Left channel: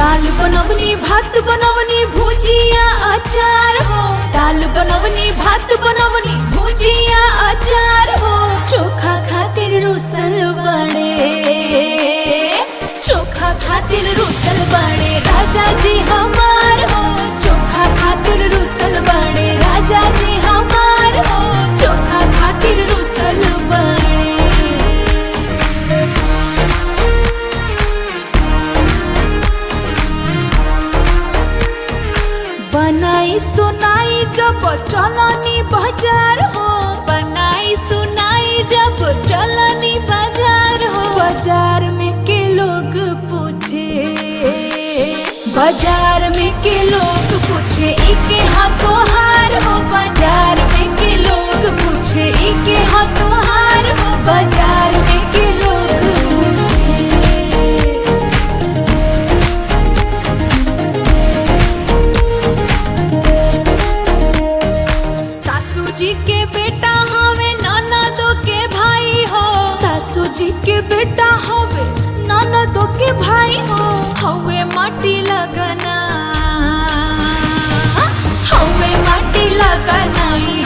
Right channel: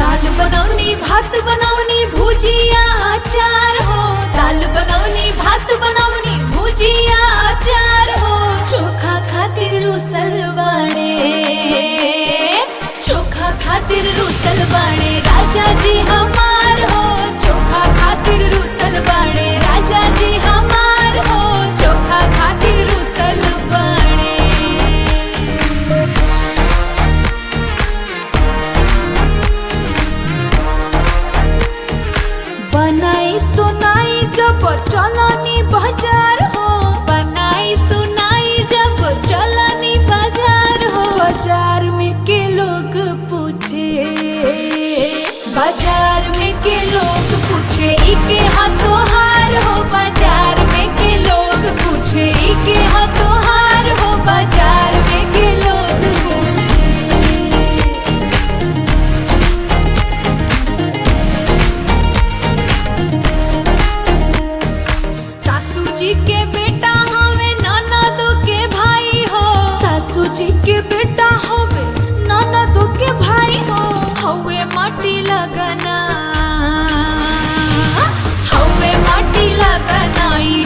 दाल बनवनी भात बनवनी भुजिया अचार हो। दाल बनवनी भात बनवनी भुजिया अचार हो। चोखा खातिर रुसल बड़े, चोखा खातिर रुसल बड़े राजा जी हमार हो। चोखा खातिर रुसल बड़े राजा जी हमार हो। चोखा खातिर रुसल बड़े। बनाई सुनाई जब चलनी बाजार हो। बनाई सुनाई जब चलनी बाजार हो। बाजार में के लोग पूछे, बाजार में के लोग पूछे इके हाथों हार हो। बाजार में के लोग पूछे इके हाथों हार हो। बाजार में के लोग पूछे। सासू जी के बेटा हवे ननदो के भाई हो। सासू जी के बेटा हवे ननदो के भाई हो। हवे माटी लगना, हवे माटी लगना ई